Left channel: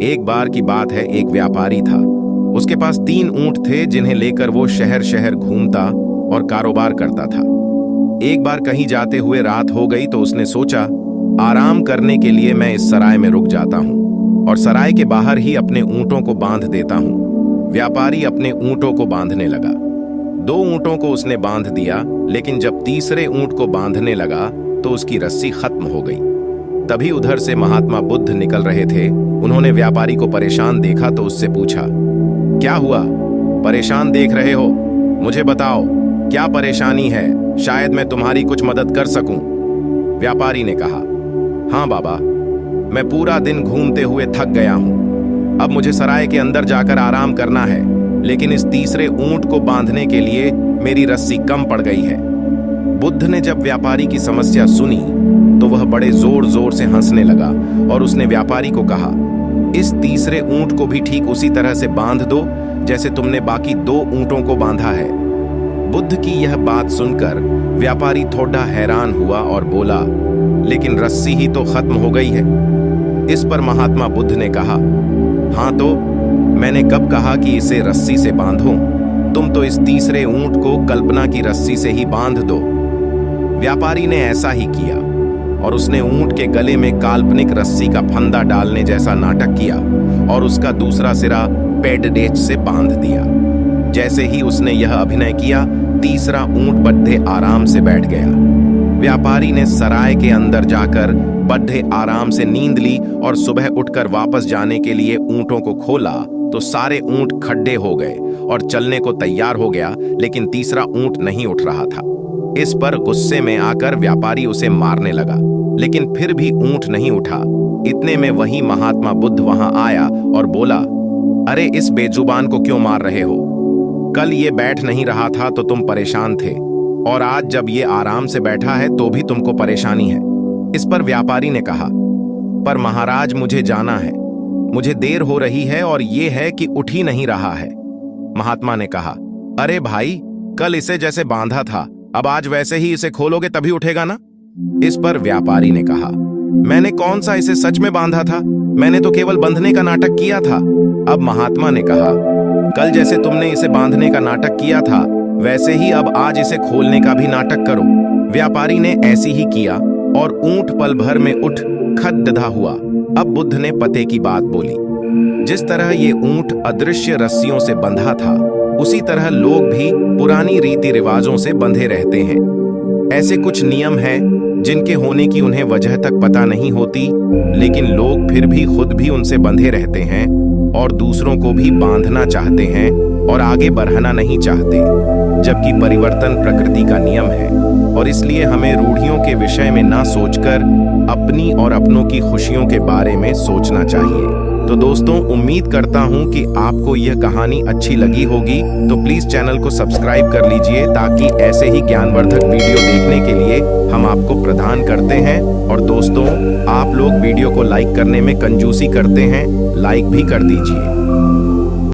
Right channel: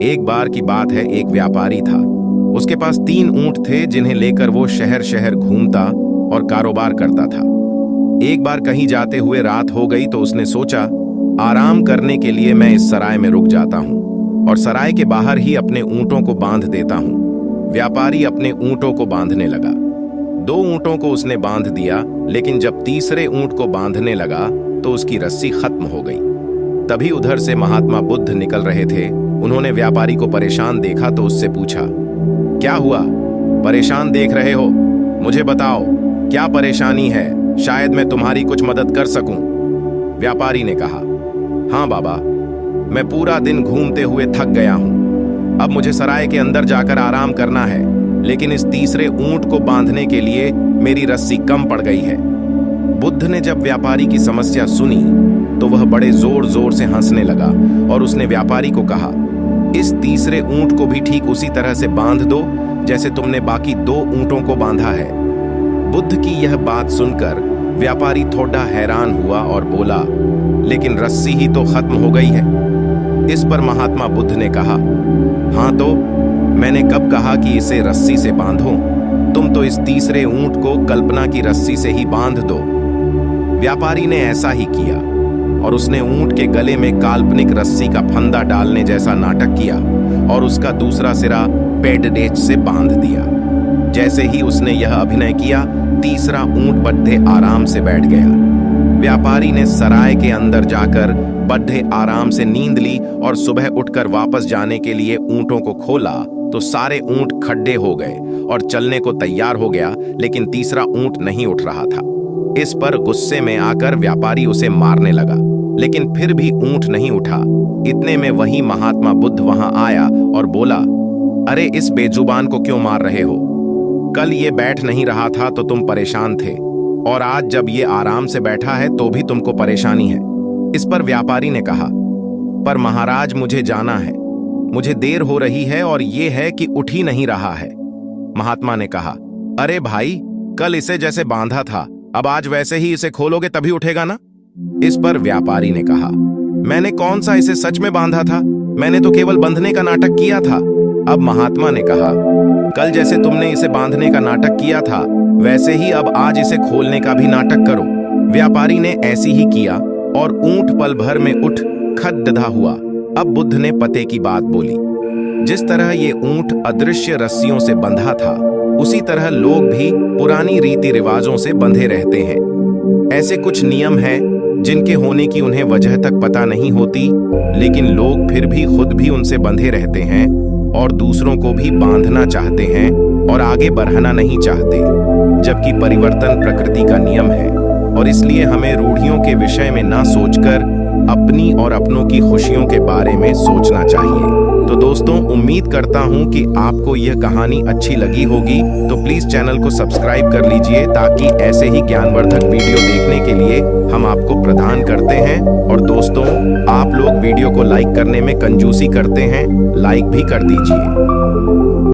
एक बार की बात है, एक व्यापारी था। उसके पास 3 ऊंट थे जिन्हें लेकर वो शहर शहर घूमता और कारोबार करता था। एक बार कहीं जाते हुए रात हो गई तो उसने सोचा, आराम करने के लिए मैं इस सराय में रुक जाता हूं और सराय के बाहर ही अपने ऊंटों को बांध देता हूं। व्यापारी अपने ऊंटों को बांधने लगा। 2 ऊंटों को उसने बांध दिया, लेकिन जब तीसरे ऊंट को बांधने लगा तो उसकी रस्सी खत्म हो गई। तभी उधर से महात्मा बुद्ध निकल रहे थे। उन्होंने व्यापारी को परेशान देखा तो उससे पूछा, क्या हुआ? परेशान देख रहे हो? मुझे बताओ, क्या परेशानी है? शायद मैं तुम्हारी कुछ मदद कर सकूं। व्यापारी ने कहा, हाँ बाबा, मैं पूरा दिन घूमते हुए थक गया हूं। अब मुझे सराय के अंदर जाकर आराम करना है, लेकिन इस तीसरे ऊंट को बांधने के लिए मेरी रस्सी कम पड़ गई है। बुद्ध ने जब व्यापारी की समस्या सुनी तो वह बड़े जोर जोर से हंसने लगा और उसने व्यापारी को कहा, इस तीसरे ऊंट को भी ठीक उसी तरह से बांध दो जैसे तुमने बाकी 2 ऊंटों को बांधा है। बुद्ध की यह बात सुनकर व्यापारी थोड़ा हैरान हुआ और बोला, लेकिन रस्सी ही तो खत्म हो गई है। इस पर महात्मा बुद्ध ने कहा, हाँ तो मैंने कब कहा कि इसे रस्सी से बांधो? तुम तो इस तीसरे ऊंट को कल्पना की रस्सी से ही बांध दो। व्यापारी ने ऐसा ही किया और उसने ऊंट के गले में काल्पनिक रस्सी का फंदा डालने जैसा नाटक किया और उसका दूसरा सिरा पेडडेच से बांध दिया। जैसे ही उसने यह अभिनय किया, तीसरा ऊंट बड्ढे आराम से बैठ गया। व्यापारी ने सराय के अंदर जाकर बड्ढे आराम से नींद ली और सुबह उठकर वापस जाने के लिए ऊंटों को खोला तो सारे ऊंट खड्डे हो गए और चलने को तैयार हो गया, लेकिन तीसरा ऊंट नहीं उठ रहा था। इस पर गुस्से में आकर व्यापारी उसे मारने लगा, लेकिन फिर भी ऊंट नहीं उठा। इतने में वही महात्मा बुद्ध वहां आया और बोला, अरे इस बेजुबान को क्यों मार रहे हो? कल ये बैठ नहीं रहा था तो तुम परेशान थे, और आज जब ये आराम से बैठा है तो भी तुमको परेशानी है। इस पर व्यापारी ने कहा, पर महाराज मुझे जाना है, मुझे देर हो रही है और ये है कि उठ ही नहीं रहा है। महात्मा ने कहा, अरे भाई, कल इसे जैसे बांधा था, अब आज वैसे ही इसे खोलोगे तभी उठेगा ना? इस पर व्यापारी ने कहा, मैंने कौन सा इसे सच में बांधा था? मैंने तो केवल बंधने का नाटक किया था। अब महात्मा ने कहा, कल जैसे तुमने इसे बांधने का नाटक किया था, वैसे ही अब आज इसे खोलने का भी नाटक करो। व्यापारी ने ऐसी ही किया और ऊंट पल भर में उठ खड्डा हुआ। अब बुद्ध ने पते की बात बोली, जिस तरह ये ऊंट अदृश्य रस्सियों से बंधा था, उसी तरह लोग भी पुरानी रीति रिवाजों से बंधे रहते हैं। ऐसे कुछ नियम हैं जिनके होने की उन्हें वजह तक पता नहीं होती, लेकिन लोग फिर भी खुद भी उनसे बंधे रहते हैं और दूसरों को भी बांधना चाहते हैं और आगे बढ़ाना नहीं चाहते, जबकि परिवर्तन प्रकृति का नियम है। और इसलिए हमें रूढ़ियों के विषय में ना सोचकर अपनी और अपनों की खुशियों के बारे में सोचना चाहिए। तो दोस्तों, उम्मीद करता हूं कि आपको यह कहानी अच्छी लगी होगी। तो प्लीज चैनल को सब्सक्राइब कर लीजिए ताकि ऐसे ही ज्ञानवर्धक वीडियो देखने के लिए हम आपको प्रदान करते हैं। और दोस्तों, आप लोग वीडियो को लाइक करने में कंजूसी करते हैं, लाइक भी कर दीजिए।